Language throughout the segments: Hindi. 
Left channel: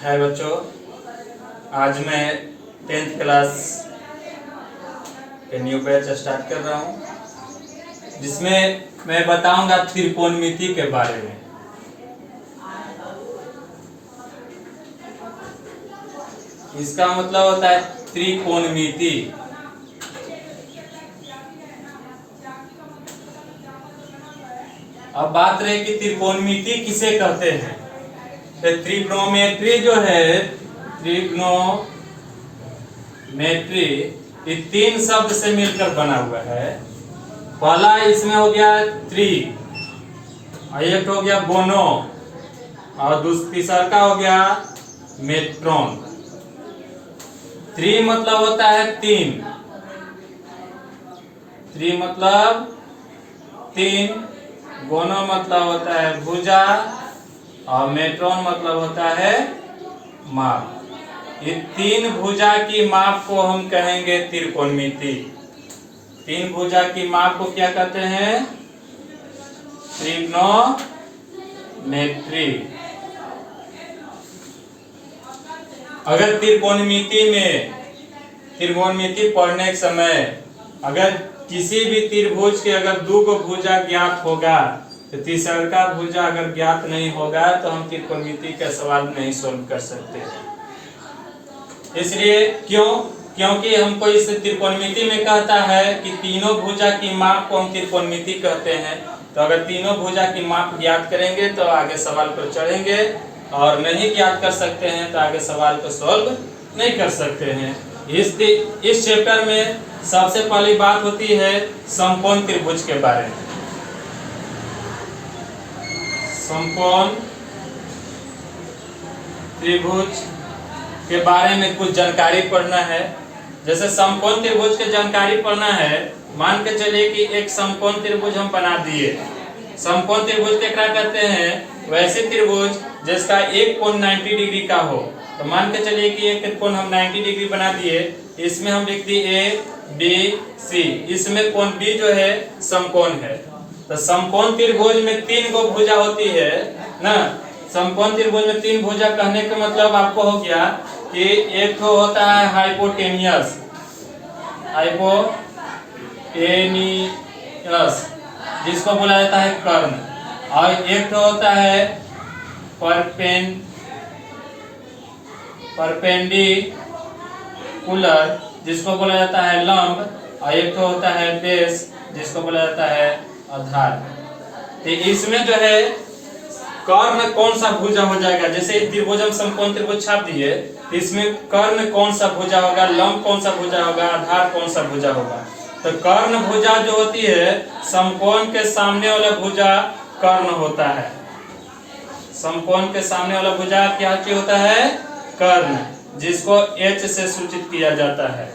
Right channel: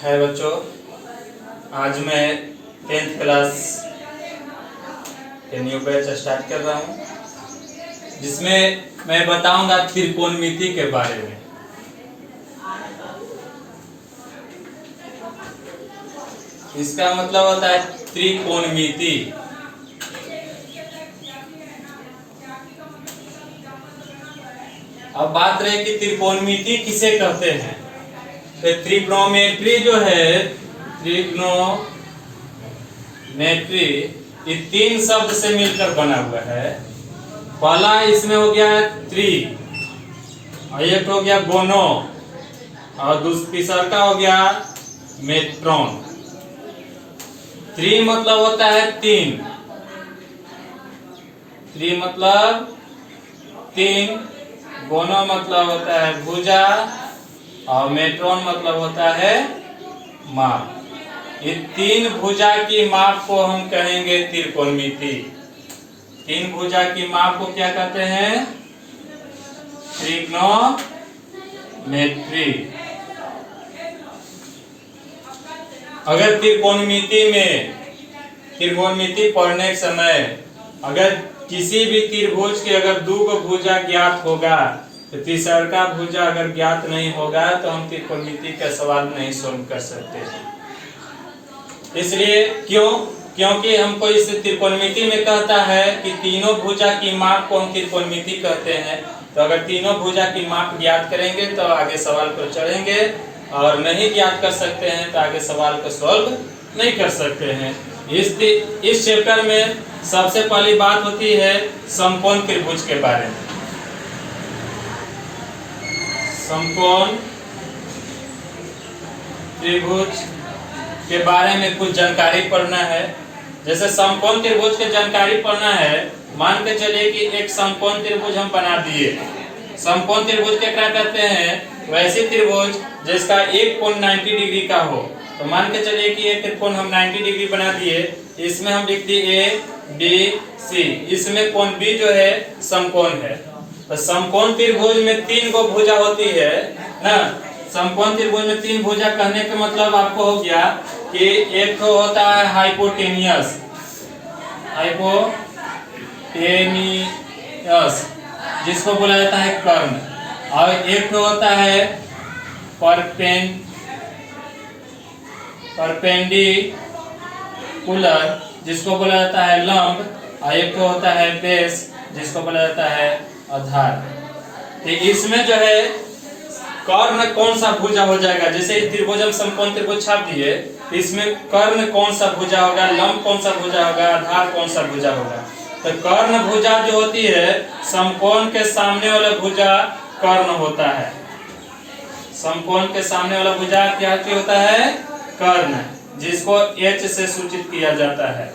है बच्चों, आज मैं 10th क्लास के न्यू बैच स्टार्ट कर रहा हूँ, जिसमें मैं बताऊंगा त्रिकोणमिति के बारे में। इसका मतलब होता है त्रिकोणमिति। अब बात रही कि त्रिकोणमिति किसे कहते हैं। तो त्रिग्नोमेट्री जो है, त्रिग्नोमेट्री ये 3 शब्द से मिलकर बना हुआ है। पहला इसमें हो गया त्रि, एक हो गया गोनो, और तीसरा का हो गया मेट्रोन। त्रि मतलब होता है 3, त्रि मतलब 3, गोनो मतलब होता है भुजा, और मेट्रोन मतलब होता है माप। ये 3 भुजा की माप को हम कहेंगे त्रिकोणमिति। 3 भुजा की माप को क्या कहते हैं? त्रिग्नोमेट्री। अगर त्रिकोणमिति पढ़ने के समय अगर किसी भी त्रिभुज के अगर 2 भुजा ज्ञात होगा तो तीसरा का भुजा अगर ज्ञात नहीं होगा तो हम त्रिकोणमिति का सवाल नहीं सोल्व कर सकते। इसलिए क्योंकि हमको इस त्रिकोणमिति में कहता है कि तीनों भुजा की माप को हम त्रिकोणमिति कहते हैं। तो अगर तीनों भुजा की माप ज्ञात करेंगे तो आगे सवाल पर चढ़ेंगे, और नहीं ज्ञात कर सकते हैं तो आगे सवाल को सॉल्व नहीं कर सकते हैं। इस चैप्टर में सबसे पहली बात होती है समकोण त्रिभुज के बारे में। समकोण त्रिभुज के बारे में कुछ जानकारी पढ़ना है। जैसे समकोण त्रिभुज की जानकारी पढ़ना है, मान के चलिए कि एक समकोण त्रिभुज हम बना दिए। समकोण त्रिभुज के क्या कहते हैं? वैसे त्रिभुज जिसका एक कोण 90 डिग्री का हो। तो मान के चलिए कि एक त्रिकोण हम 90 डिग्री बना दिए, इसमें हम लिख दिए A B C, इसमें कोण B जो है समकोण है। तो समकोण त्रिभुज में 3 गो भुजा होती है ना। समकोण त्रिभुज में 3 भुजा कहने का मतलब आपको हो गया कि एक तो होता है हाइपोटेनियस, जिसको बोला जाता है कर्ण, और एक तो होता है परपेंडिकुलर, जिसको बोला जाता है लंब, और एक तो होता है बेस, जिसको बोला जाता है आधार। तो इसमें जो है कर्ण कौन सा भुजा हो जाएगा? जैसे त्रिभुज हम समकोण त्रिभुज छाप दिए, तो इसमें कर्ण कौन सा भुजा होगा, लंब कौन सा भुजा होगा, आधार कौन सा भुजा होगा? तो कर्ण भुजा जो होती है, समकोण के सामने वाला भुजा कर्ण होता है। समकोण के सामने वाला भुजा क्या होता है? कर्ण, जिसको H से सूचित किया जाता है।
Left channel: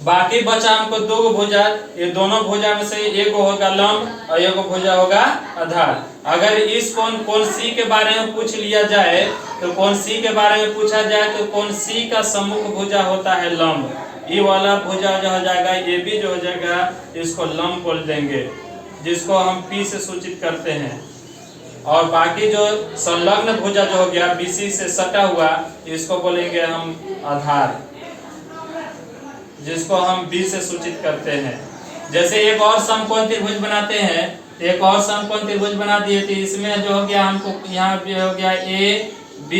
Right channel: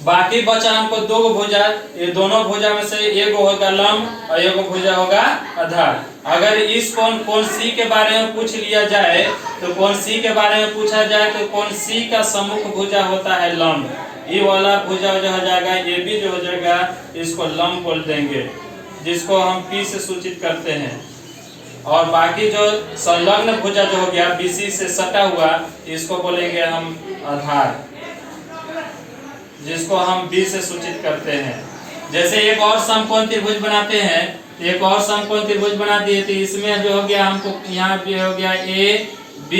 बाकी बचा हमको 2 भुजा, ये दोनों भुजा में से एक होगा लंब और एक भुजा होगा आधार। अगर इस कोण C के बारे में पूछ लिया जाए, तो कोण C के बारे में पूछा जाए तो कोण C का सम्मुख भुजा होता है लंब। ये वाला भुजा जो हो जाएगा, ये भी जो हो जाएगा, इसको लंब बोल देंगे, जिसको हम P से सूचित करते हैं। और बाकी जो संलग्न भुजा जो हो गया BC से सटा हुआ, इसको बोलेंगे हम आधार, जिसको हम B से सूचित करते हैं। जैसे एक और समकोण त्रिभुज बनाते हैं, एक और समकोण त्रिभुज बना दिए, तो इसमें जो हो गया हमको यहाँ भी हो गया A B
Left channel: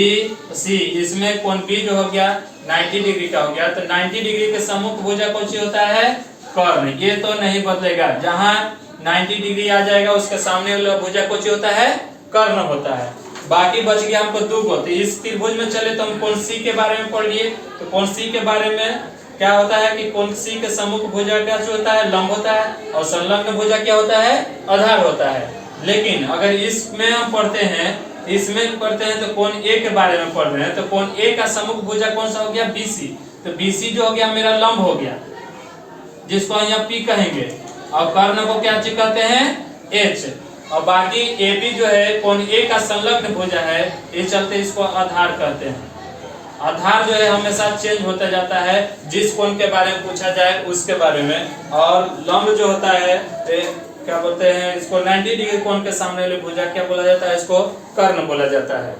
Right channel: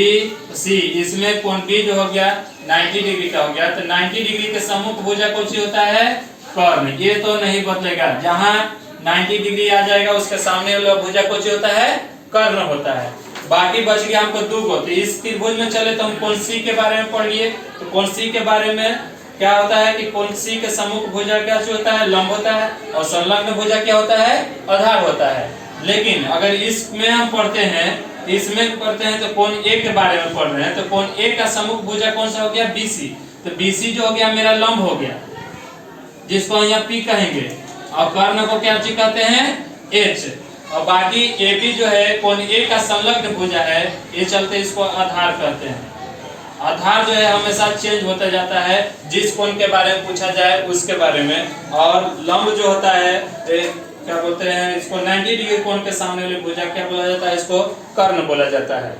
C, इसमें कोण B जो हो गया 90 डिग्री का हो गया। तो 90 डिग्री के सम्मुख भुजा कौन सी होता है? कर्ण। ये तो नहीं बदलेगा, जहाँ 90 डिग्री आ जाएगा उसके सामने वाला भुजा कौन सी होता है? कर्ण होता है। बाकी बच गया हमको 2 गो। तो इस त्रिभुज में चले तो हम कोण C के बारे में पढ़ लिए। तो कोण C के बारे में क्या होता है कि कोण C के सम्मुख भुजा क्या होता है? लंब होता है, और संलग्न भुजा क्या होता है? आधार होता है। लेकिन अगर इसमें हम पढ़ते हैं तो कोण A के बारे में पढ़ रहे हैं, तो कोण A का सम्मुख भुजा कौन सा हो गया? BC। तो BC जो हो गया मेरा लंब हो गया, जिसको यहाँ P कहेंगे, और कर्ण को क्या कहते हैं? H। और बाकी AB जो है कोण A का संलग्न भुजा है, ये चलते इसको आधार कहते हैं। आधार जो है हमेशा चेंज होता जाता है, जिस कोण के बारे में पूछा जाए उसके बारे में। और लंब जो होता है क्या बोलते हैं इसको, 90 डिग्री कोण के सामने वाली भुजा क्या बोला जाता है? इसको कर्ण बोला जाता है।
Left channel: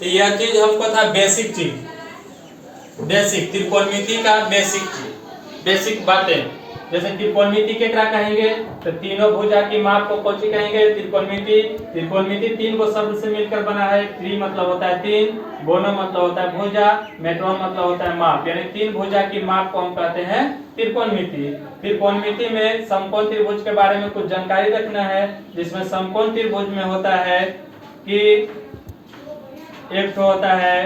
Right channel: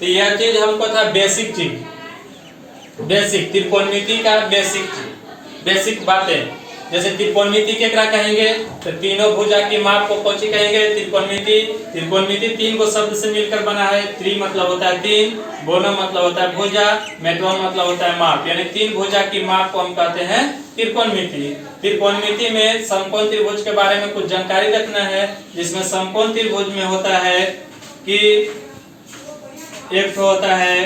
तो यह चीज हमको था बेसिक चीज, बेसिक त्रिकोणमिति का बेसिक बातें। जैसे त्रिकोणमिति के क्या कहेंगे, तो तीनों भुजा की माप को कौन सी कहेंगे, त्रिकोणमिति तीन को शब्द से मिलकर बना है। त्रि मतलब होता है तीन, गोनो मतलब होता है भुजा, मेटो मतलब होता है माप, यानी तीन भुजा की माप को हम कहते हैं त्रिकोणमिति। त्रिकोणमिति में समकोण त्रिभुज के बारे में कुछ जानकारी रखना है, जिसमें समकोण त्रिभुज में होता है कि एक तो होता है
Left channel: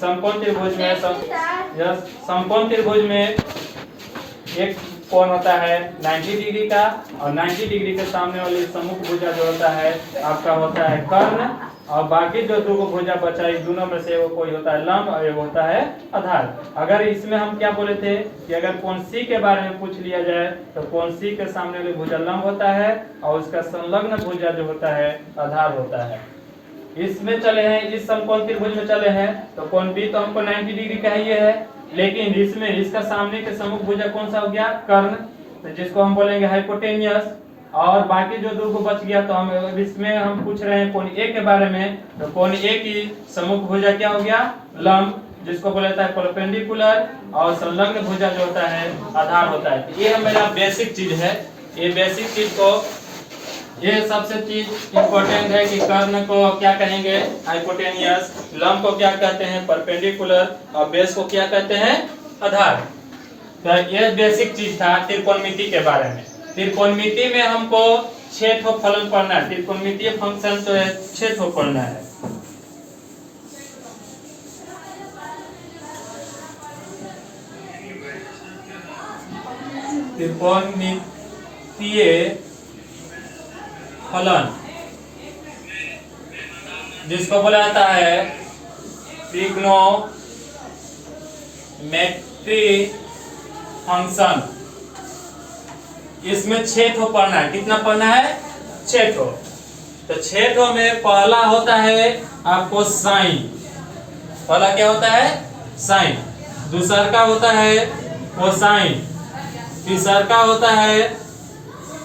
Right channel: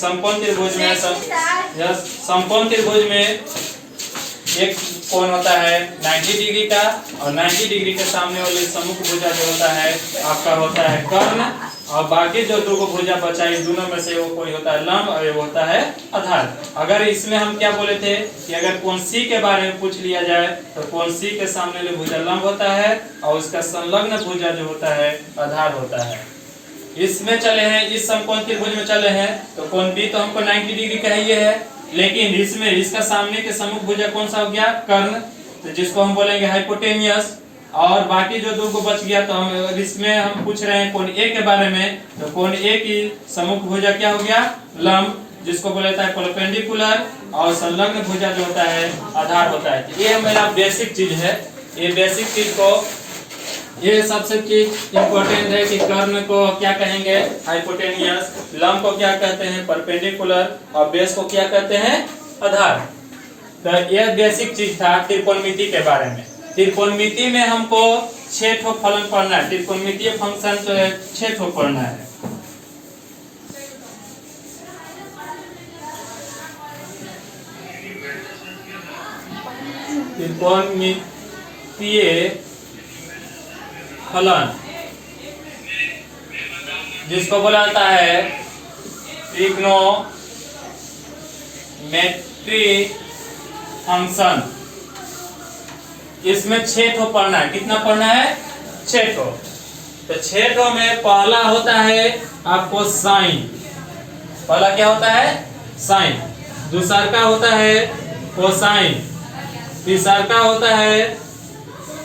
समकोण त्रिभुज में समकोण त्रिभुज में एक कोण होता है 90 डिग्री का, और 90 डिग्री के सामने वाली सम्मुख भुजा जो होता है आपका होता है कर्ण, और बाकी जो दो भुजा बचा इस दोनों में से वो कोई होता है लंब और एक होता है आधार। अगर इसमें हम क्या बोले थे कि अगर कोण C के बारे में पूछ लिया जाए तो कोण C के सामने वाली भुजा लंब होता है और उसका संलग्न भुजा जो होता है आधार होता है। इसमें चले हैं, इस समकोण त्रिभुज में चले हैं तो कोण B तो हमको 90 डिग्री का ही है, लेकिन इसमें इसका सामने के सम्मुख भुजा कौन सा हो गया, कर्ण, तो जिसको हम बोलेंगे हाइपोटेनियस। और बाकी जो दो को बच गया तो हम इसमें हम पूछ रहे हैं कोण A के बारे में, तो कोण A की सम्मुख भुजा क्या हो गया, लंब, जिसको बोला जाता है परपेंडिकुलर, और संलग्न भुजा जो होता है आधार होता है। ये मेरा बेसिक चीज है। ये बेसिक चीज को, ये सबसे चीज इंपॉर्टेंट है कि कर्ण को क्या कहेंगे, हाइपोटेनियस, लंब को क्या कहते हैं, परपेंडिकुलर, और बेस को क्या कहते हैं, आधार। तो ये बेसिक चीज था त्रिकोणमिति के बारे में। त्रिकोणमिति में हमको 6 ठो फलन पढ़ना है, त्रिकोणमितीय फंक्शन जो है 6 ठो पढ़ना है। त्रिकोणमितीय फलन जिसको बोला जाता है ट्रिग्नोमेट्रिक फंक्शन, इसमें 6 ठो पढ़ना है। कितना पढ़ना है, 6 ठो। तो 6 ठो में पहला होता है आपको साइन, पहला क्या होता है, साइन। दूसरा का होता है कोसाइन, तीसरा का होता है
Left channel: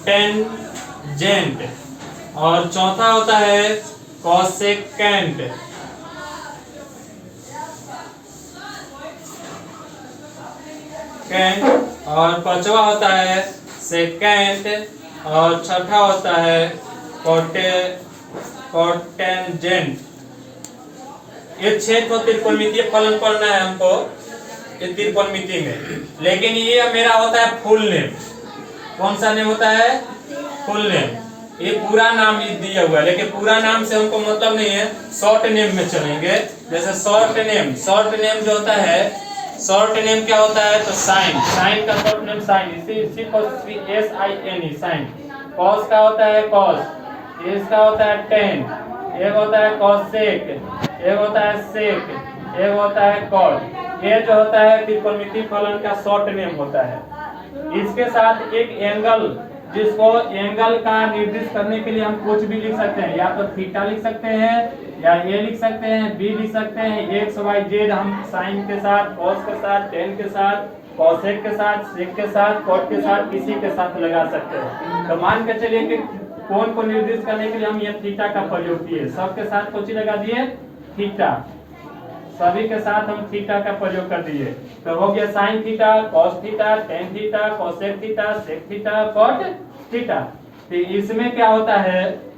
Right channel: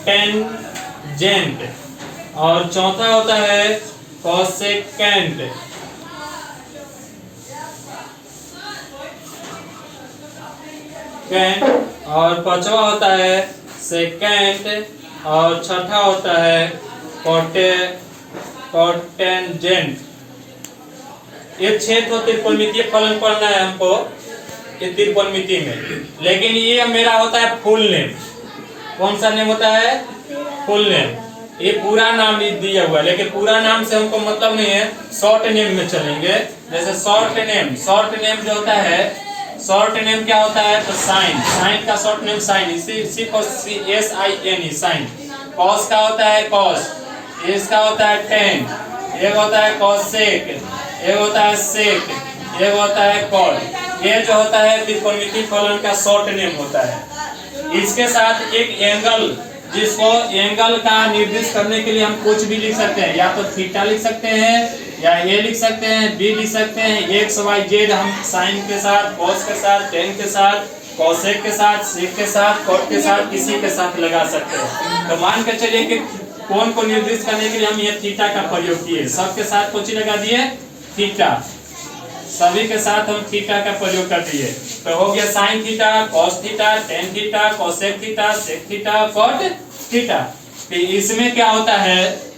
टेंजेंट, और चौथा होता है कोसेकेंट। और पांचवा होता है सेकेंड, और छठा होता है कोटेंजेंट। ये 6 तो त्रिकोणमितीय फलन पढ़ना है हमको त्रिकोणमिति में। लेकिन ये मेरा होता है फुल नेम। कौन सा नेम होता है, फुल नेम। ये पूरा नाम दिया हुआ है, लेकिन पूरा नाम से हमको मतलब नहीं है, शॉर्ट नेम में चलेंगे। जैसे शॉर्ट नेम जो होता है, शॉर्ट नेम क्या होता है, तो साइन, साइन का शॉर्ट नेम साइन, सिर्फ SIN, साइन। कॉस का होता है कॉस, इसका होता है टेन, एक होता है कॉसेक, एक होता है सेक, एक होता है कॉट। ये जो होता है त्रिकोणमितीय फलन का शॉर्ट नेम होता है। इसके साथ एक एंगल, जिसको एंगल का निर्दिष्ट करने के लिए हम कुछ भी लिख सकते हैं, या तो थीटा लिख सकते हैं, या ए लिख सकते हैं, बी लिख सकते हैं, एक्स वाई जेड हम साइन के साथ, कॉस के साथ, टेन के साथ, कॉसेक के साथ, सेक के साथ, कॉट के साथ, किसी के साथ लगा सकते हैं। तो मान के चलिए कि कोण को निर्दिष्ट करने के लिए हम ये थीटा का प्रयोग किए, सबके साथ कुछ लगा दिए थीटा, सभी के साथ हम थीटा का प्रयोग कर दिए। तो हो गया sine theta, cos theta, tan theta, cosec theta, sec theta, cot theta. तो इसमें क्या होता है,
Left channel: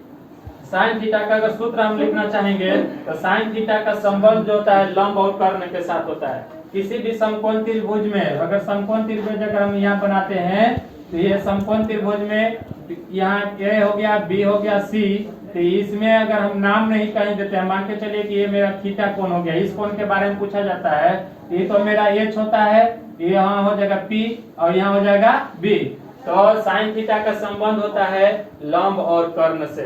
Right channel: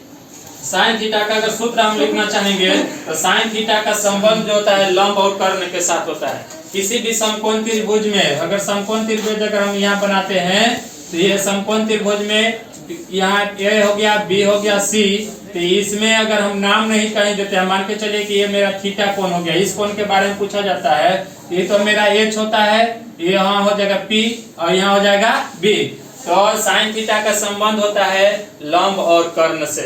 साइन थीटा का अगर सूत्र हम लिखना चाहेंगे तो साइन थीटा का संबंध जो होता है लंब और कर्ण के साथ होता है। किसी भी समकोण त्रिभुज में, अगर समकोण त्रिभुज अगर हम यहाँ बनाते हैं तो ये समकोण त्रिभुज में यहाँ ए हो गया, बी हो गया, सी, तो इसमें अगर हम नाम नहीं कहीं देते हैं, मान के चलिए कि ये मेरा थीटा कोण हो गया, इस कोण के बारे में पूछा जाता है, ये तो मेरा एच होता है, ये यहाँ हो जाएगा पी और यहाँ हो जाएगा बी। तो साइन थीटा का संबंध होता है लंब और कर्ण से।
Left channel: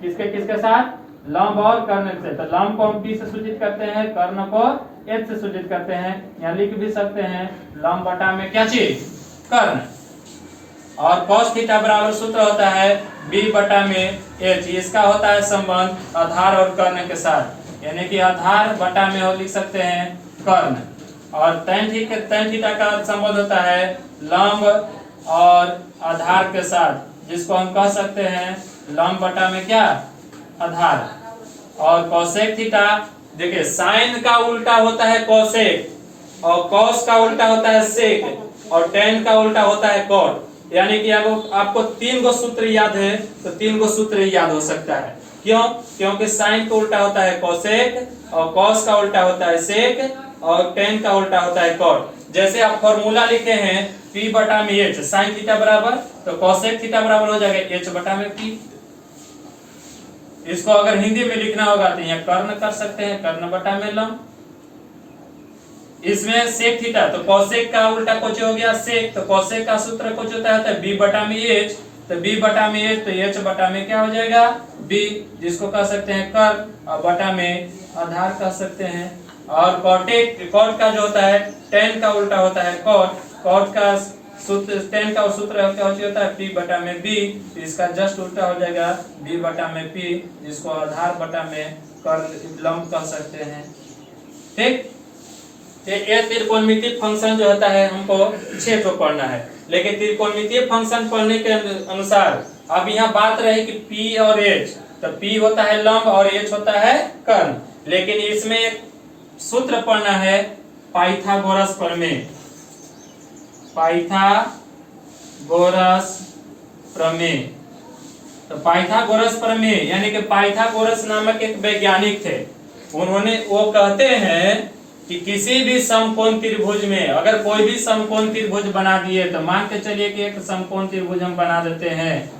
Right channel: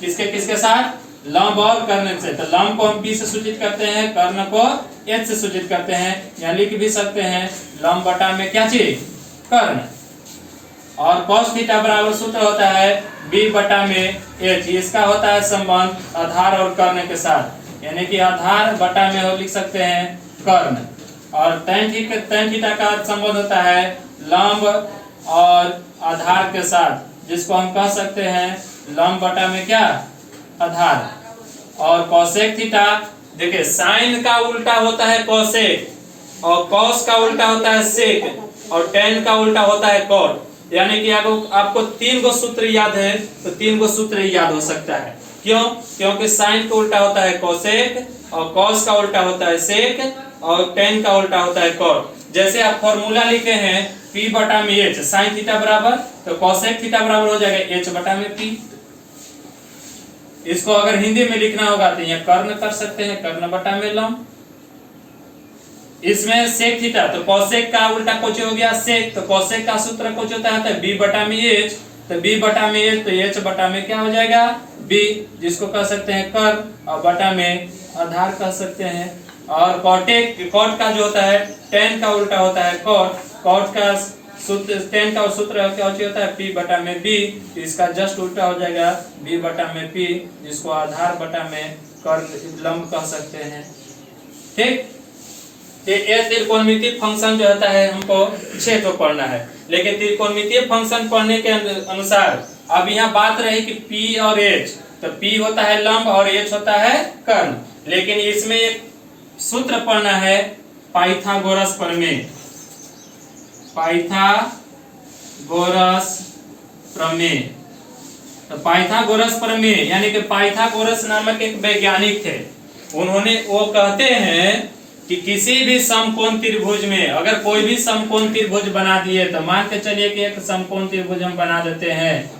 किसके किसके साथ, लंब और कर्ण से। तो लंब को हम P से सूचित करते हैं, कर्ण को H से सूचित करते हैं, या लिख भी सकते हैं लंब बटा में क्या चीज, कर्ण। और cos थीटा बराबर सूत्र होता है B बटा में H। इसका होता है संबंध आधार और कर्ण के साथ, यानी कि आधार बटा में हो लिख सकते हैं कर्ण। और tan थीटा का संबंध होता है लंब और आधार के साथ, जिसको हम कह सकते हैं लंब बटा में क्या, आधार। और कोसेक थीटा देखिए साइन का उल्टा होता है कोसेक और कॉस का उल्टा होता है सेक और टेन का उल्टा होता है कॉट। यानी कि आपको 3 गो सूत्र याद है तो 3 गो सूत्र याद हो सकता है। क्यों? क्योंकि साइन का उल्टा होता है कोसेक और कॉस का उल्टा होता है सेक और टेन का उल्टा होता है कॉट। जैसे आप फॉर्मूला लिखे हैं P बटा में H, साइन थीटा बराबर तो कोसेक थीटा बराबर हो जाएगा H बटा में P। इसको अगर हिंदी में लिखना होगा तो यहाँ कर्ण कर सकते हैं, कर्ण बटा में लंब। इसमें सेक थीटा तो कोसेक का उल्टा कोच हो गया सेक, तो कोसेक का सूत्र कोच होता है B बटा में H, तो B बटा में H तो H बटा में क्या हो जाएगा B, जिसको कह सकते हैं कर्ण और बटा में आधार कह सकते हैं। और कॉट का जो होता है टेन का उल्टा होता है कॉट, कॉट का सूत्र टेन का सूत्र क्या होता है P बटा में B, तो इसका जस्ट उल्टा हो जाएगा B बटा में P, जिसको आधार बटा में कर्ण लंब कह सकते हैं। ठीक, ये त्रिकोणमितीय फंक्शन जो होता है हमको 6 को पढ़ना है, लेकिन त्रिकोणमितीय फंक्शन पढ़ने के अनुसार अब यहाँ बात रही कि P और H, तो P होता है लंब और H होता है कर्ण, लेकिन इसमें एक सूत्र पढ़ना है पाइथागोरस प्रमेय। पाइथागोरस प्रमेय, तो पाइथागोरस प्रमेय यानी कि पाइथागोरस नामक एक वैज्ञानिक थे, वो कहते हैं कि किसी भी समकोण त्रिभुज में अगर कोई भी समकोण त्रिभुज बना दिए तो मान के चलिए कि एक समकोण त्रिभुज हम बना देते हैं,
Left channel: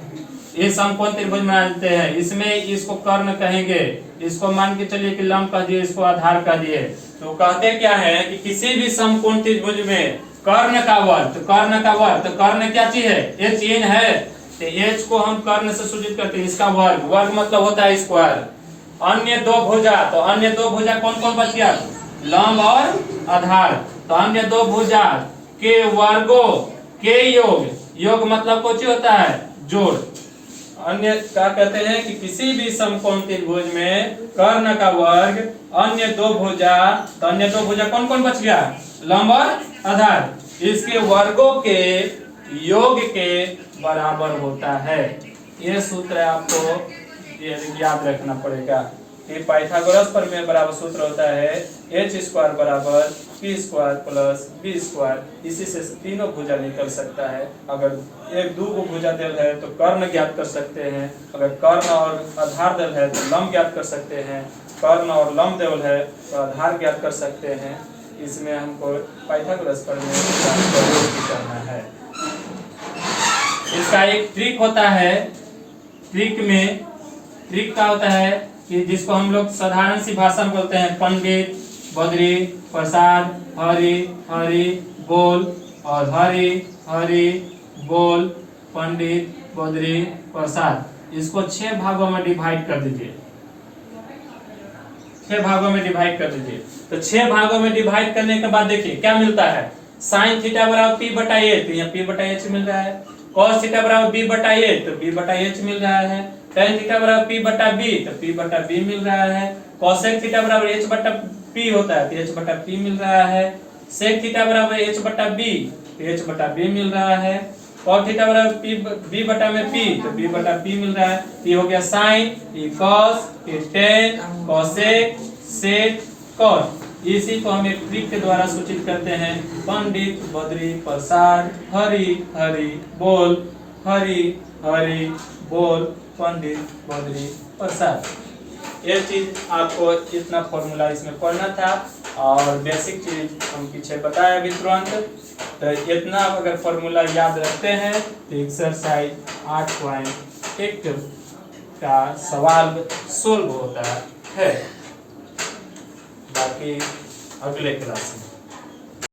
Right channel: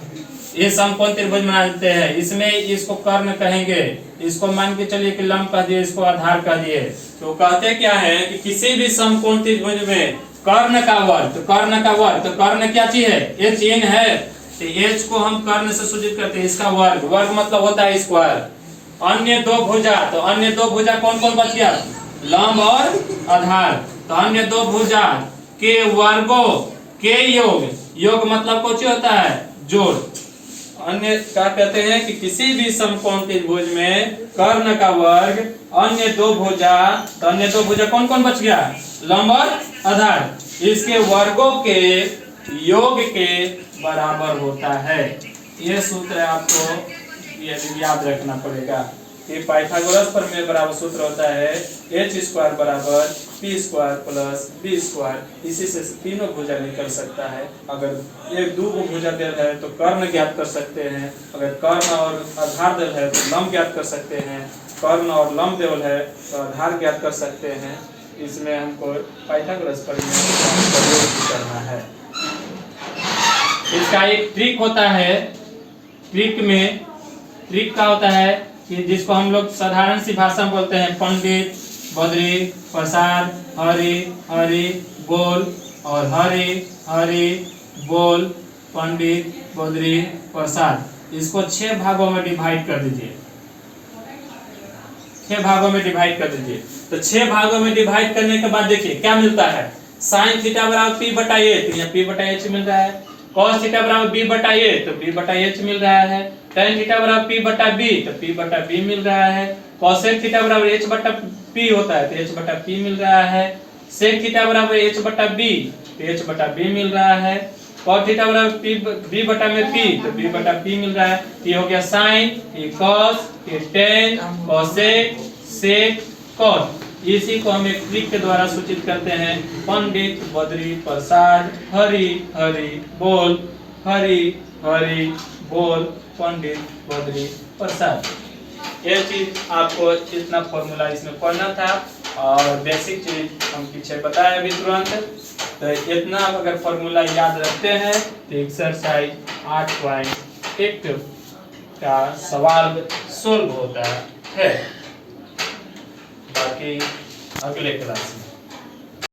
ये समकोण त्रिभुज बना देते हैं, इसमें इसको कर्ण कहेंगे, इसको मान के चलिए कि लंब कह दिए, इसको आधार कह दिए, तो कहते क्या है कि किसी भी समकोण त्रिभुज में कर्ण का वर्ग, तो कर्ण का वर्ग, तो कर्ण क्या चीज है H इन है, तो H को हम कर्ण से सूचित करते हैं, इसका वर्ग, वर्ग मतलब होता है स्क्वायर। अन्य दो भुजा, तो अन्य दो भुजा कौन कौन बच गया लंब और आधार, तो अन्य दो भुजा के वर्गों के योग, योग मतलब कुछ होता है जोड़। अन्य क्या कहते हैं कि किसी भी समकोण त्रिभुज में कर्ण का वर्ग अन्य दो भुजा, तो अन्य दो भुजा कौन कौन बच गया लंब और आधार, इसके वर्गों के योग के बराबर होता है। ये सूत्र आपको याद रखना पड़ेगा कि पाइथागोरस प्रमेय बराबर सूत्र होता है H स्क्वायर बराबर P square plus B square. इसी से तीनों भुजा निकल सकता है। अगर एक दो भुजा दिल है तो कर्ण ज्ञात कर सकते हैं, अगर कर्ण और आधार दिल है तो लंब ज्ञात कर सकते हैं, कर्ण और लंब दिल है तो आधार ज्ञात कर सकते हैं। इसमें हमको पाइथागोरस प्रमेय का प्रयोग करना है। इसका एक ट्रिक होता है, ट्रिक का होता है कि जिसको हम लोग साधारण सी भाषा में बोलते हैं पंडित बद्री प्रसाद हरि हरि बोल, और हरि हरि बोल पंडित बद्री प्रसाद। इसको 6 भागों में डिवाइड कर दीजिए, 6 भागों में डिवाइड कर दीजिए। तो 6 भागों में डिवाइड करने के बाद देखिए क्या मिलता है, साइन थीटा बराबर P बटा A, तो यहाँ P बटा H मिल रहा है। कॉस थीटा बराबर B बटा A, तो B बटा H मिल रहा है। टेन थीटा बराबर P बटा B, तो P बटा B मिल रहा है। कोसेक थीटा बराबर H बटा P होता है, तो H बटा P मिल रहा है। सेक थीटा बराबर H बटा B, तो H बटा B मिल रहा है। कॉट थीटा बराबर B बटा में P, तो B बटा P मिल रहा है। ये हो गया साइन, ये कॉस, ये टेन, कोसेक, सेक, कॉट। इसी को हम एक ट्रिक के द्वारा सूचित करते हैं, पंडित बद्री प्रसाद हरि हरि बोल, हरि हरि बोल पंडित बद्री प्रसाद। ये चीज आपको इतना फॉर्मूला इसमें पढ़ना था और बेसिक चीज हम पीछे बताए अभी तुरंत। तो इतना अगर फॉर्मूला याद रखते हैं तो एक्सरसाइज 8.1 का सवाल सोल्व होता है। बाकी अगले क्लास में